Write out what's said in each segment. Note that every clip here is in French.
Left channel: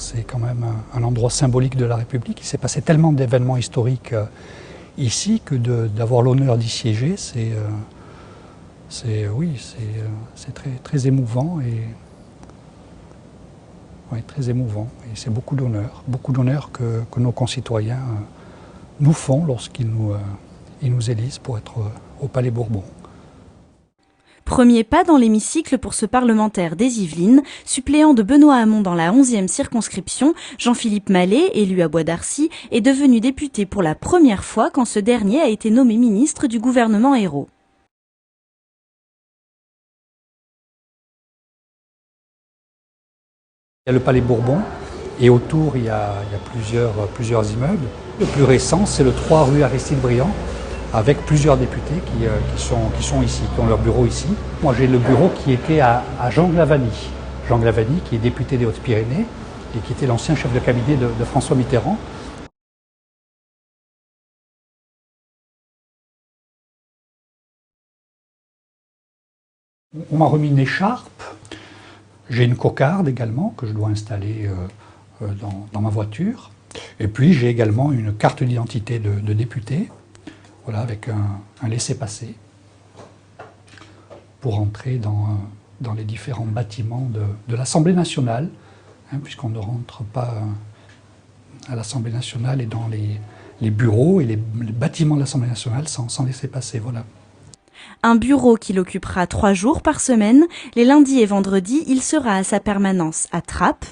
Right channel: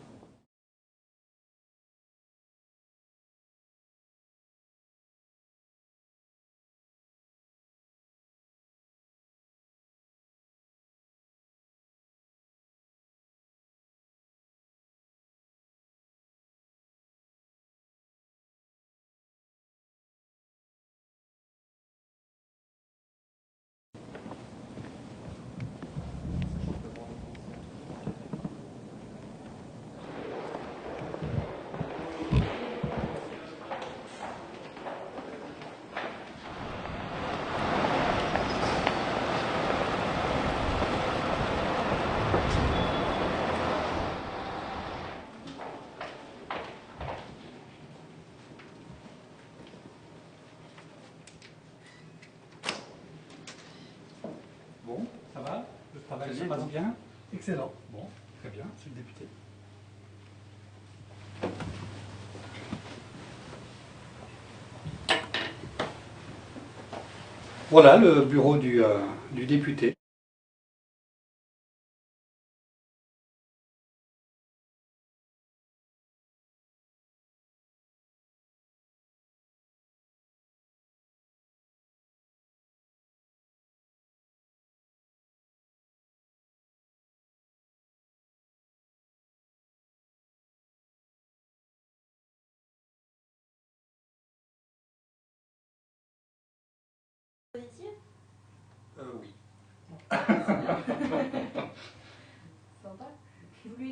c'est quand même un endroit symbolique de la République. Il s'est passé tellement d'événements historiques ici que d'avoir l'honneur d'y siéger, c'est très, très émouvant très émouvant. Et c'est beaucoup d'honneur que nos concitoyens nous font lorsqu'ils nous élisent pour être au Palais Bourbon. Premier pas dans l'hémicycle pour ce parlementaire des Yvelines, suppléant de Benoît Hamon dans la 11e circonscription, Jean-Philippe Mallet, élu à Bois d'Arcy, est devenu député pour la première fois quand ce dernier a été nommé ministre du gouvernement Ayrault. Il y a le Palais Bourbon et autour il y a plusieurs immeubles. Le plus récent, c'est le 3 rue Aristide Briand, avec plusieurs députés qui sont ici, qui ont leur bureau ici. Moi j'ai le bureau qui était à Jean Glavany. Jean Glavany qui est député des Hautes-Pyrénées et qui était l'ancien chef de cabinet de François Mitterrand. Voilà le bureau du député. On m'a remis une écharpe, j'ai une cocarde également que je dois installer dans ma voiture. Et puis j'ai également une carte d'identité de député. Voilà, avec un laissez-passer pour entrer dans les différents bâtiments de l'Assemblée nationale, puisqu'on ne rentre pas à l'Assemblée nationale et dans les bureaux et les bâtiments de l'Assemblée nationale sans laissez-passer. Voilà. Un bureau qu'il occupera 3 jours par semaine. Les lundis et vendredis, il sera à sa permanence à Trappes.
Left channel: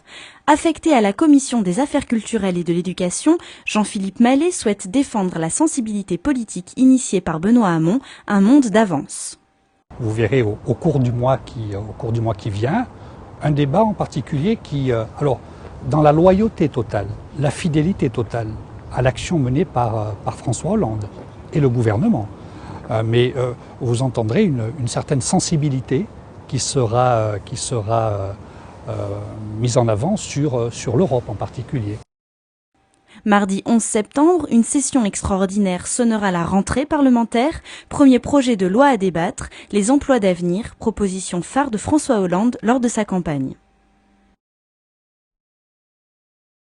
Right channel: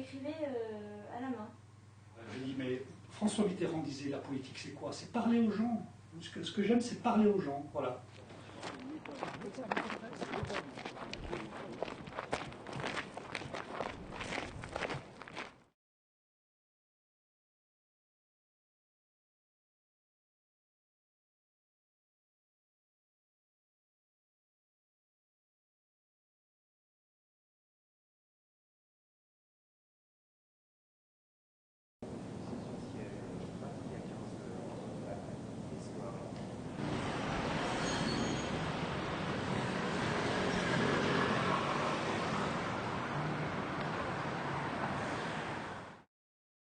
Affecté à la Commission des Affaires culturelles et de l'Éducation, Jean-Philippe Mallet souhaite défendre la sensibilité politique initiée par Benoît Hamon, un monde d'avance. Vous verrez au cours du mois qui vient, un débat en particulier qui, alors, dans la loyauté totale, la fidélité totale à l'action menée par François Hollande et le gouvernement. Mais vous entendrez une certaine sensibilité qui sera mise en avant sur l'Europe en particulier. Mardi 11 septembre, une session extraordinaire sonnera la rentrée parlementaire. Premier projet de loi à débattre, les emplois d'avenir, proposition phare de François Hollande lors de sa campagne.